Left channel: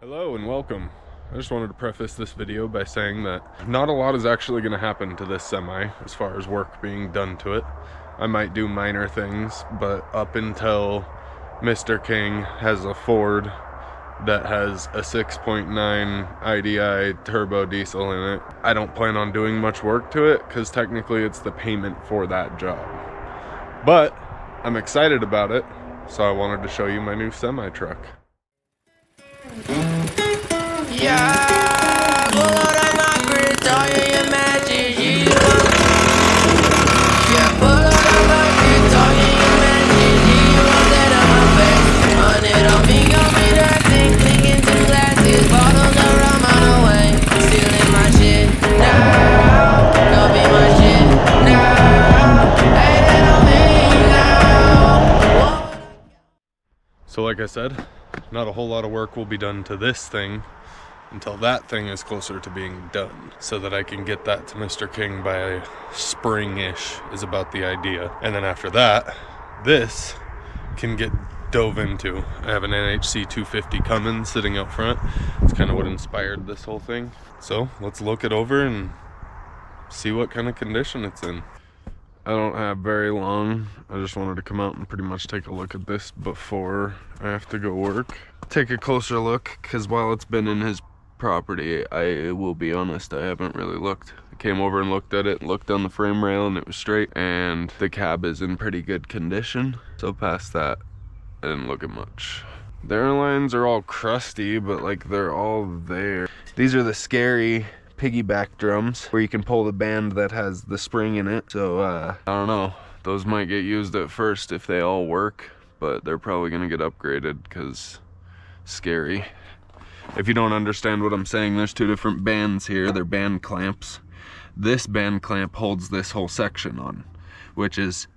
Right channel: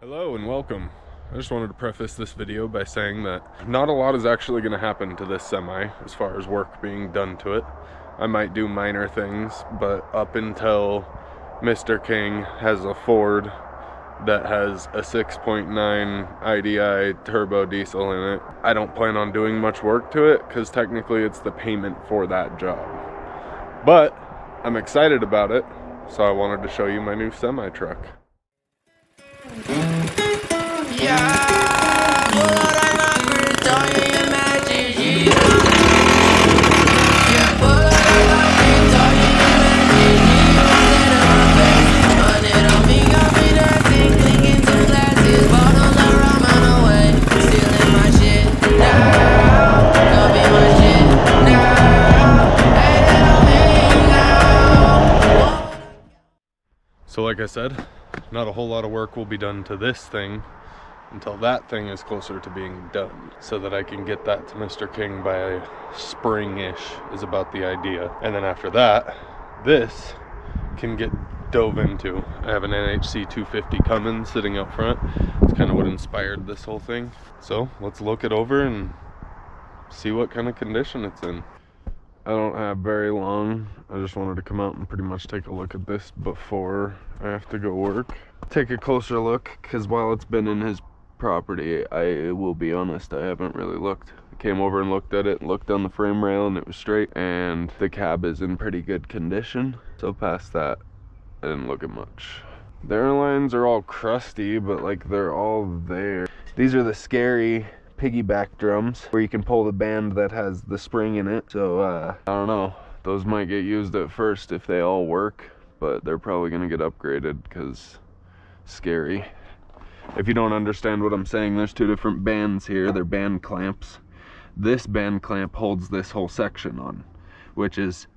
Hello and welcome. I just wanted to preface this video by saying that not a lot is actually going to happen to this semi as far as work being done to it. I might do minor things, but up until Mr. King has a Ford that has a 6.9 IDI turbo diesel in it, I don't plan on doing much work to it because technically it's the payment for that job. But I'm excited about it, so I wanted to show you my new semi truck. Yeah, pull out of my grid, all your matches, yeah, pull out of my grid, all your matches, you won't let up my face. Money on me, got me dancing, clinking to glasses, bottles of rum on the way, stealing my shit now, copy my shit now, hating on me now. So like I said, not a whole lot of work will be done to this thing until that thing is closer to being done, so that I can get that to Mr. King by spring-ish is about the idea. And then after that, this can get dove into. I have an NHC 250 Cummins sitting out front. It's kind of what inspired this whole thing. So let's look it over and see what kind of condition it's in. I don't have very long. I just wanted to come out and pretty much take a look at this before I have to go work. Take a closer look, because while it's been in his property, I will be honest, I haven't really looked. I came over and looked at it, looked down the frame rail, and it was straight, and the cab is in pretty good condition. So past that, I didn't look at much. The airlines are all crusty, but like they're all there. These are the scary piggyback drums where you can pull the band that has the spring in it. So I don't know, those might get used at first if they all work, but they're probably gonna get upgraded because scary. If you don't understand what I'm saying, there's two different bands here. They're band clamps. This band clamp holds this whole section on, which is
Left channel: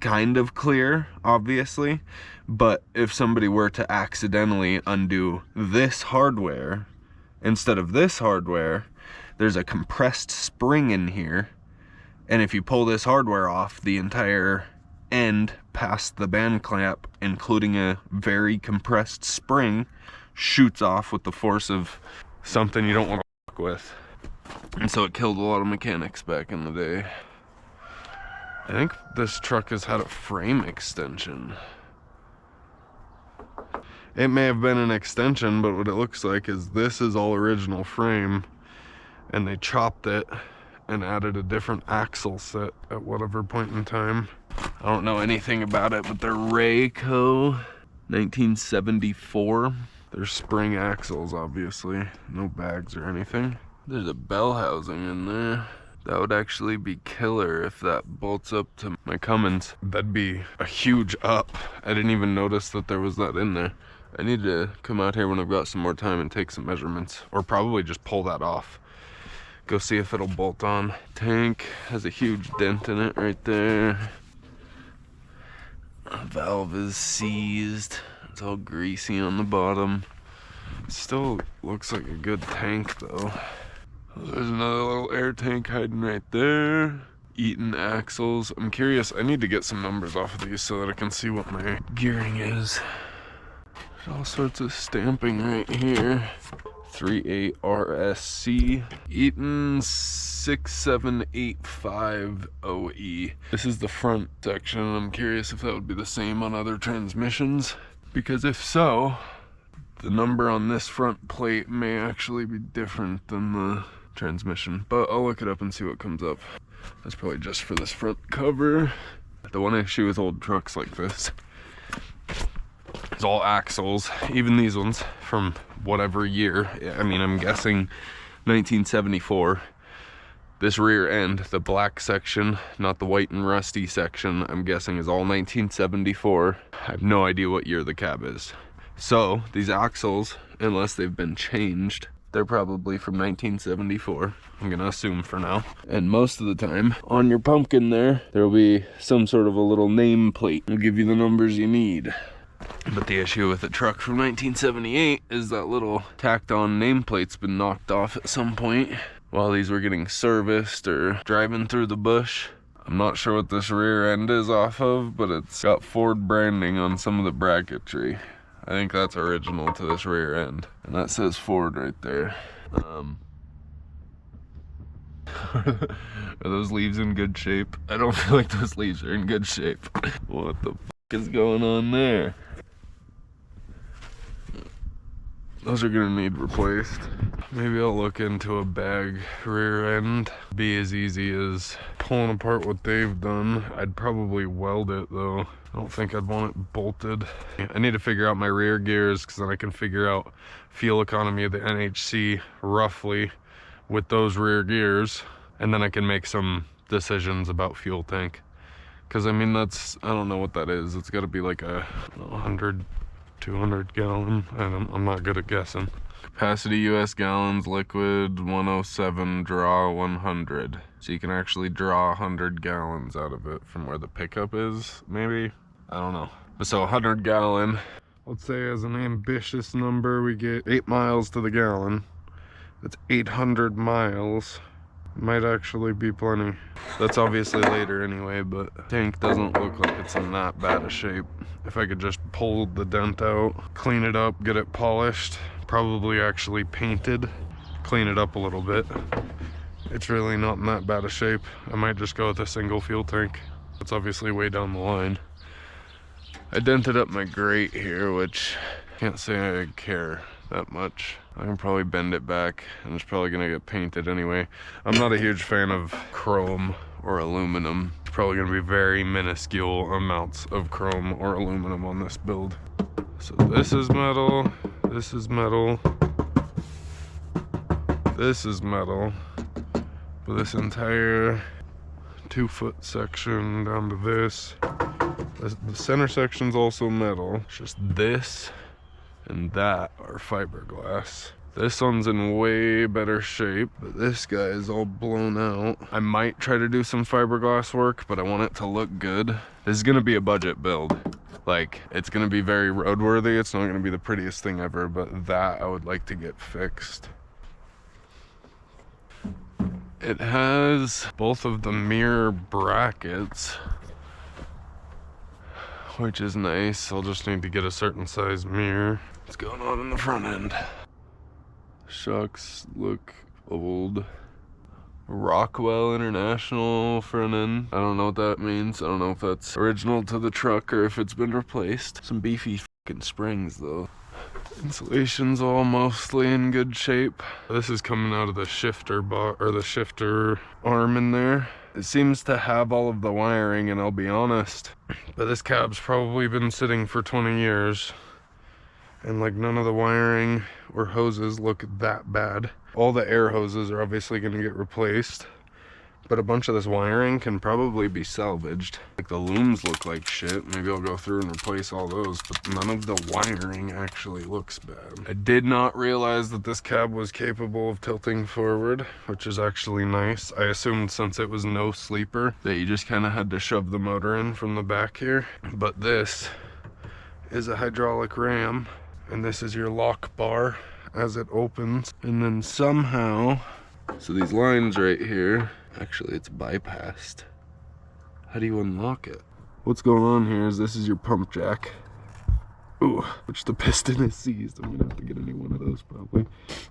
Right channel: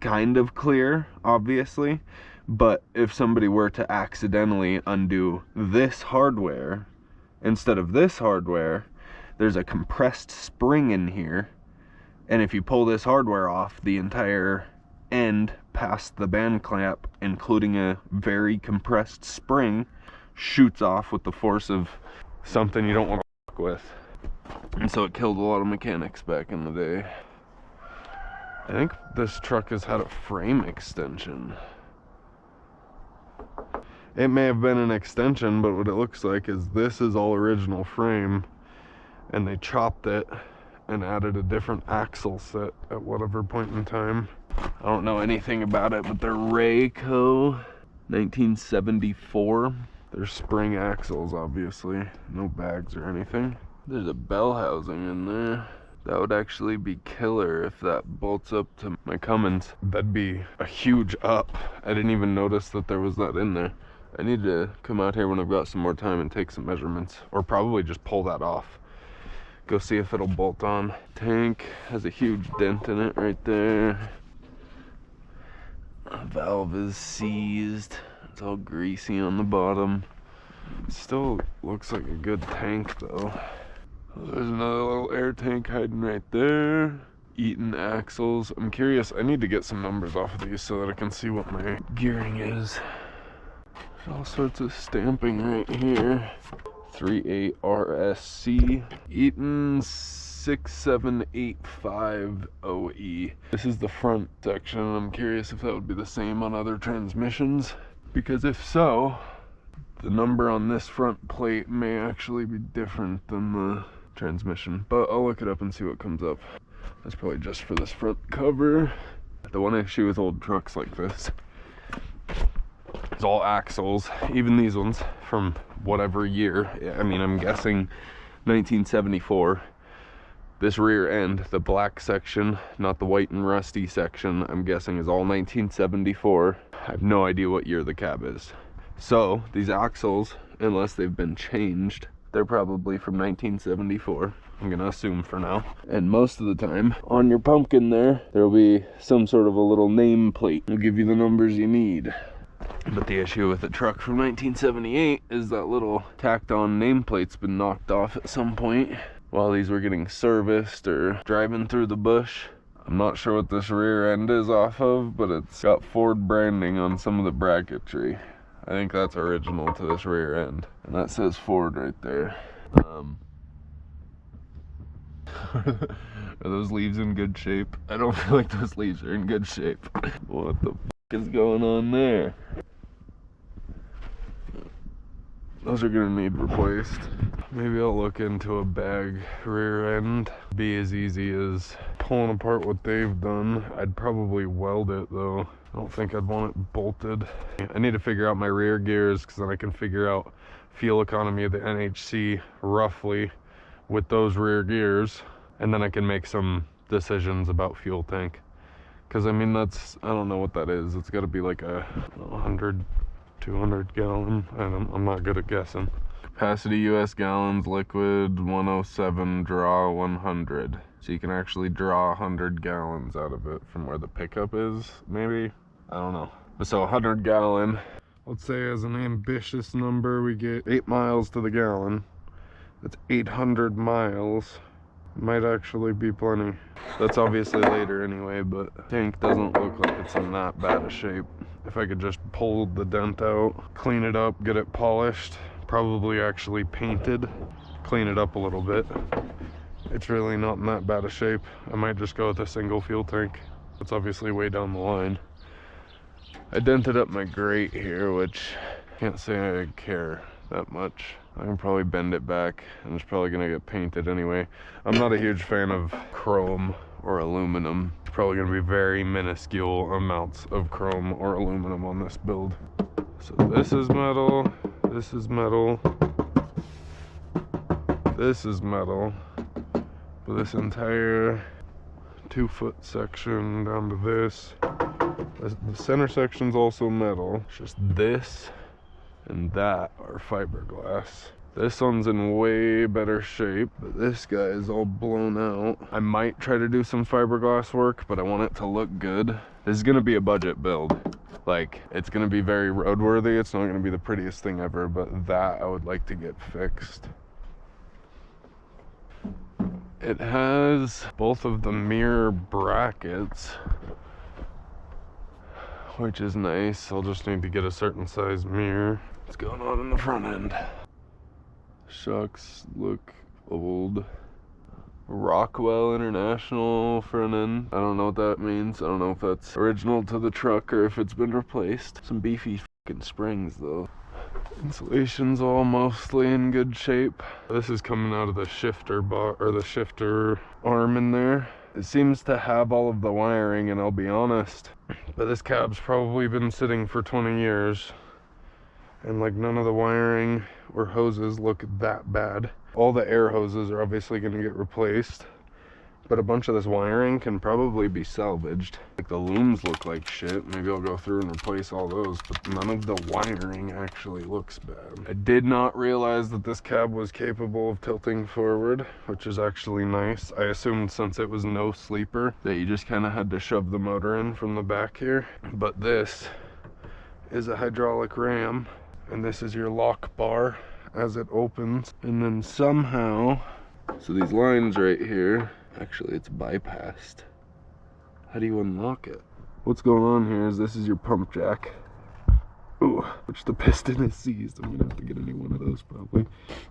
kind of clear, obviously, but if somebody were to accidentally undo this hardware instead of this hardware, there's a compressed spring in here, and if you pull this hardware off, the entire end past the band clamp, including a very compressed spring, shoots off with the force of something you don't want to fuck with. And so it killed a lot of mechanics back in the day. I think this truck has had a frame extension. It may have been an extension, but what it looks like is this is all original frame, and they chopped it and added a different axle set at whatever point in time. I don't know anything about it, but they're Rayco 1974. They're spring axles, obviously. No bags or anything. There's a bell housing in there. That would actually be killer if that bolts up to my Cummins. That'd be a huge up. I didn't even notice that there was that in there. I need to come out here when I've got some more time and take some measurements, or probably just pull that off. Go see if it'll bolt on. Tank has a huge dent in it right there. Valve is seized. It's all greasy on the bottom. Still looks like a good tank though. There's another little air tank hiding right there. Eaton axles. I'm curious, I need to get some numbers off of these so that I can see what my gearing is. There's all sorts of stamping right here. 38 RSC. Eaton 67850E. This is the front section, and I'm curious if that would be the same on other transmissions, because if so, the number on this front plate may actually be different than the transmission, but I'll look it up and see what comes up. That's probably just for this front cover. The one issue with old trucks like this is all axles, even these ones from whatever year. I mean, I'm guessing 1974. This rear end, the black section, not the white and rusty section, I'm guessing is all 1974. I have no idea what year the cab is. So these axles, unless they've been changed, they're probably from 1974. I'm gonna assume for now. And most of the time, on your pumpkin there'll be some sort of a little name plate. It'll give you the numbers you need. But the issue with a truck from 1978 is that little tacked on nameplate's been knocked off at some point while these were getting serviced or driving through the bush. I'm not sure what this rear end is off of, but it's got Ford branding on some of the bracketry. I think that's original to this rear end. And that says Ford right there. Are those leaves in good shape? I don't feel like those leaves are in good shape. What the f is going on there? Those are gonna need replaced. Maybe I'll look into a bag rear end. Be as easy as pulling apart what they've done. I'd probably weld it though. I don't think I'd want it bolted. I need to figure out my rear gears because then I can figure out fuel economy of the NHC roughly with those rear gears. And then I can make some decisions about fuel tank. Because I mean, that's, I don't know what that is. It's gotta be like a 100, 200 gallon. I'm not good at guessing. Capacity US gallons, liquid 107, draw 100. So you can actually draw 100 gallons out of it from where the pickup is, maybe? I don't know. But so 100 gallon, let's say as an ambitious number, we get 8 miles to the gallon. That's 800 miles. Might actually be plenty. That's obviously later anyway, but tank doesn't look like it's in that bad a shape. If I could just pull the dent out, clean it up, get it polished, probably actually painted, clean it up a little bit. It's really not in that bad a shape. I might just go with a single fuel tank. It's obviously way down the line. I dented up my grate here, which can't say I care that much. I can probably bend it back and it's probably gonna get painted anyway. I'm not a huge fan of chrome or aluminum. It's probably gonna be very minuscule amounts of chrome or aluminum on this build. So this is metal, this is metal, this is metal. But this entire 2-foot section down to this, the center section's also metal. It's just this and that are fiberglass. This one's in way better shape, but this guy is all blown out. I might try to do some fiberglass work, but I want it to look good. This is gonna be a budget build. Like, it's gonna be very roadworthy. It's not gonna be the prettiest thing ever, but that I would like to get fixed. It has both of the mirror brackets, which is nice. I'll just need to get a certain size mirror. What's going on in the front end? Shocks look old. Rockwell International front end. I don't know what that means. I don't know if that's original to the truck or if it's been replaced. Some beefy fucking springs though. Insulation's all mostly in good shape. This is coming out of the shifter bar, or the shifter arm in there. It seems to have all of the wiring, and I'll be honest, but this cab's probably been sitting for 20 years. And like none of the wiring or hoses look that bad. All the air hoses are obviously gonna get replaced, but a bunch of this wiring can probably be salvaged. Like the looms look like shit. Maybe I'll go through and replace all those, but none of the wiring actually looks bad. I did not realize that this cab was capable of tilting forward, which is actually nice. I assumed since it was no sleeper that you just kind of had to shove the motor in from the back here. But this is a hydraulic ram, and this is your lock bar as it opens. And then somehow, so these lines right here, actually it's bypassed. How do you unlock it? What's going on here is this is your pump jack. Ooh, which the piston is seized. I'm gonna have to get a new one of those probably.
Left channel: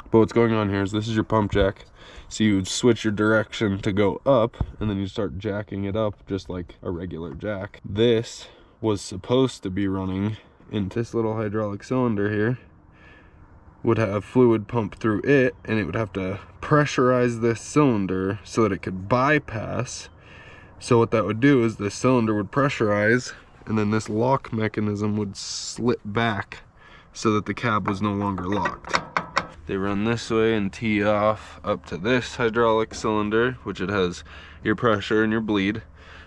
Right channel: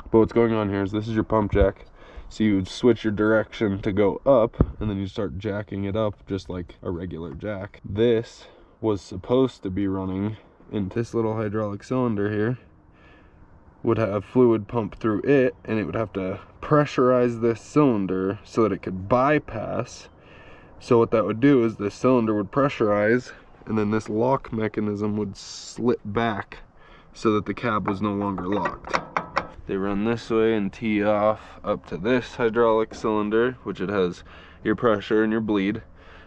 But what's going on here is this is your pump jack. So you would switch your direction to go up, and then you start jacking it up just like a regular jack. This was supposed to be running into this little hydraulic cylinder here. Would have fluid pump through it, and it would have to pressurize this cylinder so that it could bypass. So what that would do is this cylinder would pressurize, and then this lock mechanism would slip back so that the cab was no longer locked. They run this way and tee off up to this hydraulic cylinder, which it has your pressure and your bleed.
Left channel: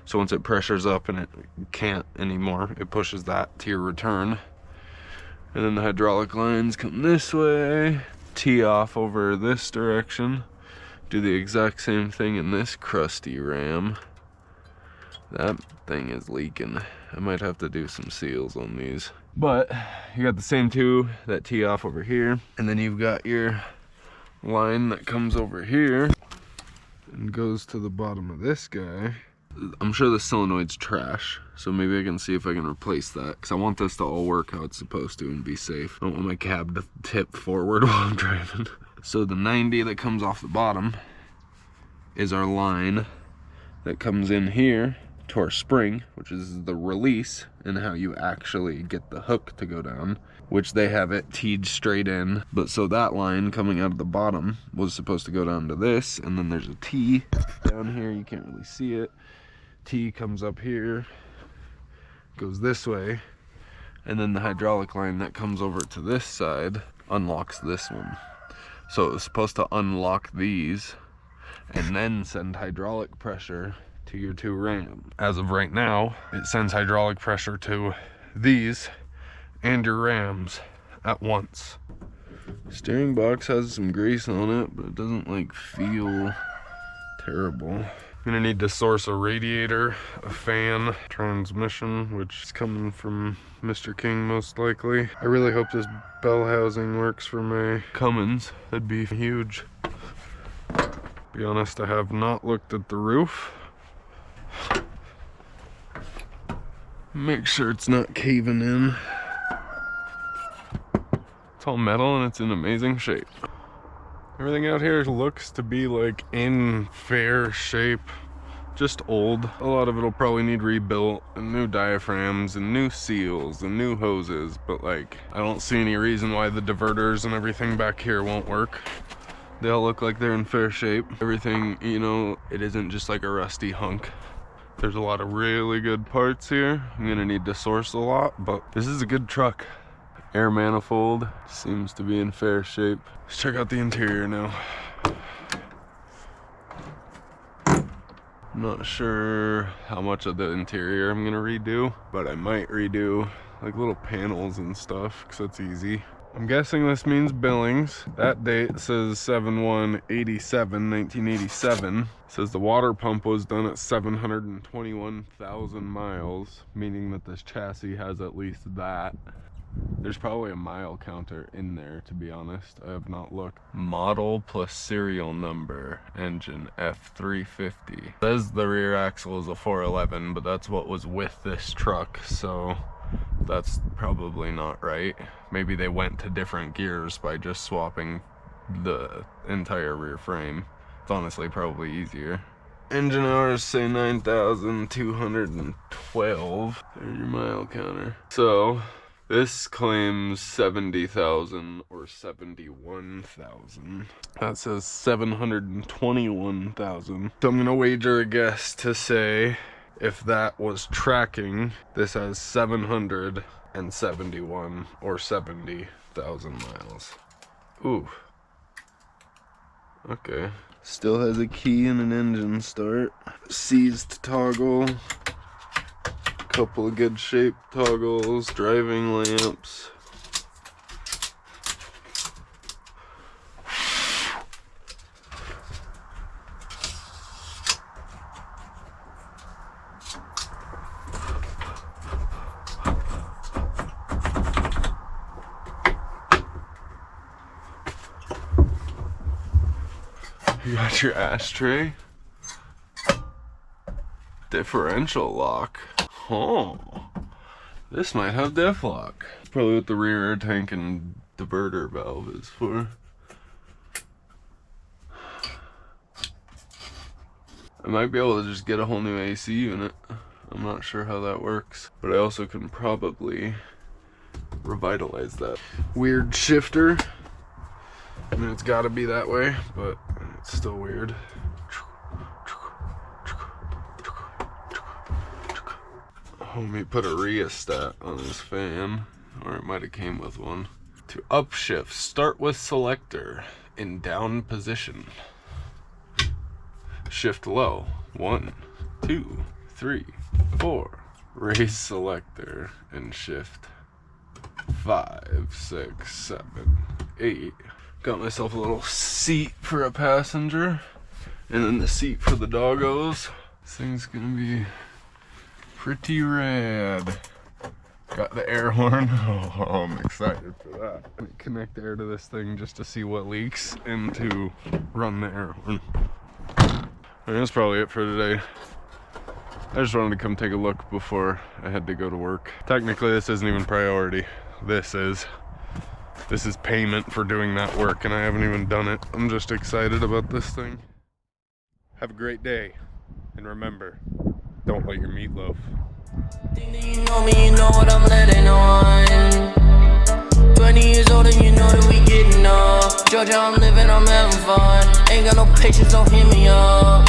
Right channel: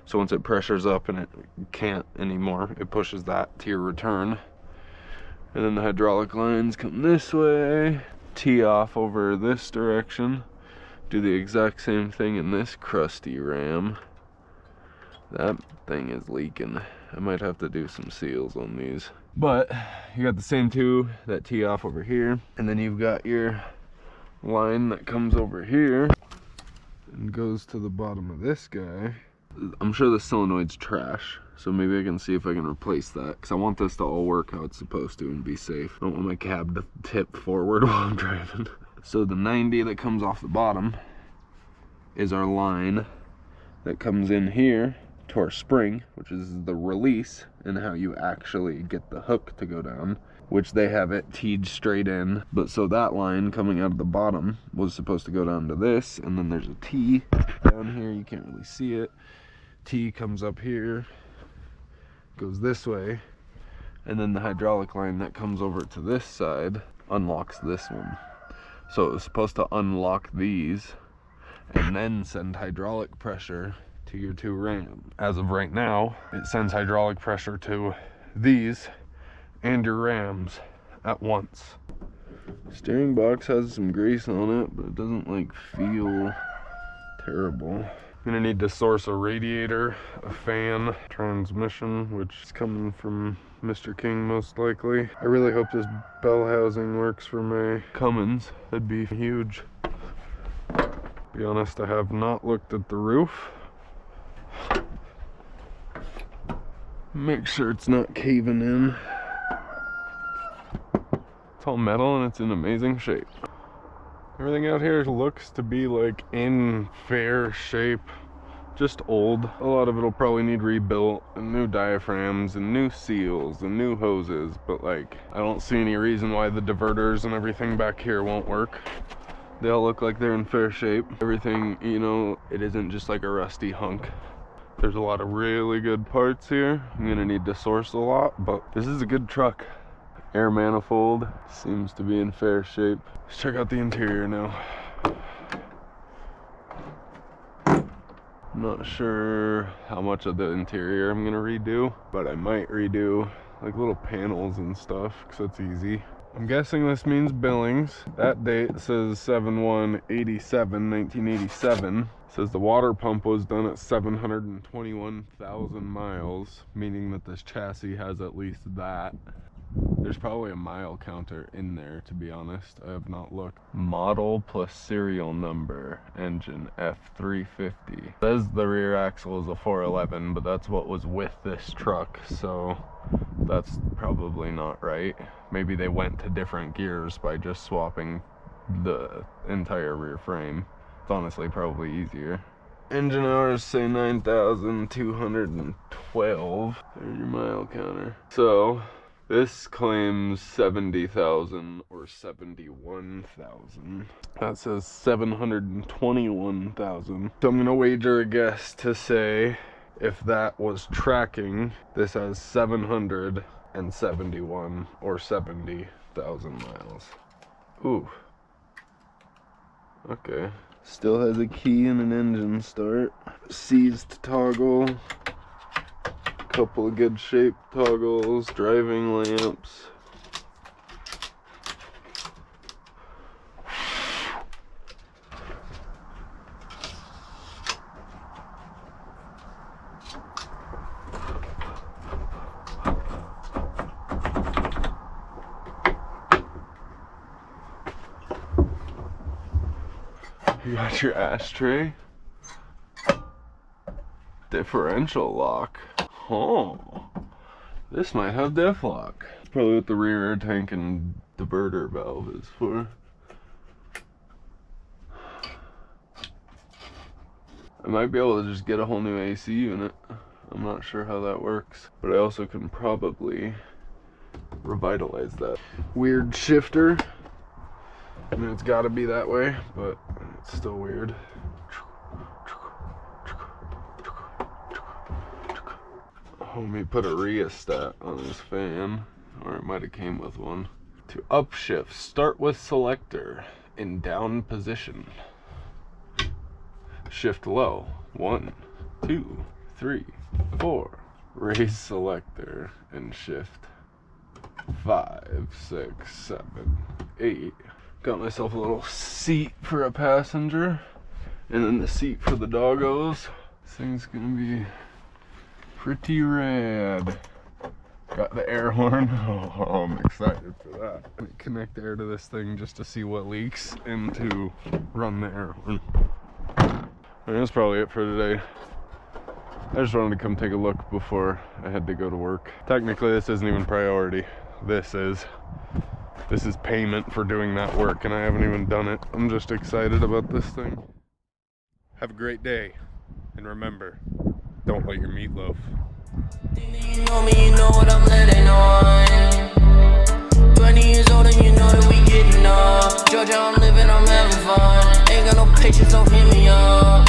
So once it pressures up and it can't anymore, it pushes that to your return. And then the hydraulic lines come this way, tee off over this direction, do the exact same thing in this crusty ram. That thing is leaking. I might have to do some seals on these. But you got the same two that tee off over here, and then you've got your line that comes over here and goes to the bottom of this guy. I'm sure the solenoid's trash, so maybe I can see if I can replace that, because I want this to all work how it's supposed to and be safe. I don't want my cab to tip forward while I'm driving. So the 90 that comes off the bottom is our line that comes in here to our spring, which is the release and how you actually get the hook to go down, which they have it teed straight in. But so that line coming out of the bottom was supposed to go down to this, and then there's a T down here, you can't really see it. T comes up here, goes this way, and then the hydraulic line that comes over to this side unlocks this one. So it was supposed to unlock these and then send hydraulic pressure to your 2 rams. As of right now, it sends hydraulic pressure to these and your rams at once. Steering box has some grease on it, but it doesn't like feel terrible. I'm gonna need to source a radiator, a fan, transmission, which is coming from Mr. King most likely. I really hope this bell housing works for my Cummins. That'd be huge. Be honest, I have not looked at the roof. Make sure it's not caving in. It's all metal and it's in amazing shape. Everything out here looks to be like in fair shape, just old. A lot of it'll probably need rebuilt and new diaphragms and new seals and new hoses, but like I don't see any reason why the diverters and everything back here won't work. They all look like they're in fair shape. Everything, you know, it isn't just like a rusty hunk. There's a lot of really good parts here. I'm gonna need to source a lot, but this is a good truck. Air manifold seems to be in fair shape. Let's check out the interior now. I'm not sure how much of the interior I'm gonna redo, but I might redo like little panels and stuff, because that's easy. I'm guessing this means Billings. That date says 7/1/87, 1987. It says the water pump was done at 721,000 miles, meaning that this chassis has at least that. There's probably a mile counter in there, to be honest. I have not looked. Model plus serial number, engine F350. It says the rear axle is a 411, but that's what was with this truck, so that's probably not right. Maybe they went to different gears by just swapping the entire rear frame. It's honestly probably easier. Engine hours say 9,212. There's your mile counter. So this claims 70,000 or 71,000. That says 721,000. So I'm gonna wager a guess to say if that was tracking, this has 771 or 70,000 miles. Ooh. Okay. Still has a key and an engine start. Seized toggle. Couple of good shaped toggles. Driving lamps. You got your ashtray. Differential lock. Oh, this might have diff lock. Probably what the rear air tank and diverter valve is for. I might be able to just get a whole new AC unit. I'm not sure how that works, but I also can probably revitalize that. Weird shifter. I mean, it's got to be that way, but it's still weird. Homie put a rheostat on his fan, or it might have came with one. To upshift, start with selector in down position. Shift low. 1, 2, 3, 4. Raise selector and shift. 5, 6, 7, 8. Got myself a little seat for a passenger, and then the seat for the doggos. This thing's gonna be pretty rad. Got the air horn. Oh, I'm excited for that. Let me connect air to this thing just to see what leaks and to run the air horn. And that's probably it for today. I just wanted to come take a look before I had to go to work. Technically, this isn't even priority. This is payment for doing that work, and I haven't even done it. I'm just excited about this thing. Have a great day, and remember, don't let your meat loaf. Think that you know me, you know what I'm letting on. 20 years old and you know that we getting up. Georgia, I'm living, I'm having fun. Ain't got no patience, so hit me up.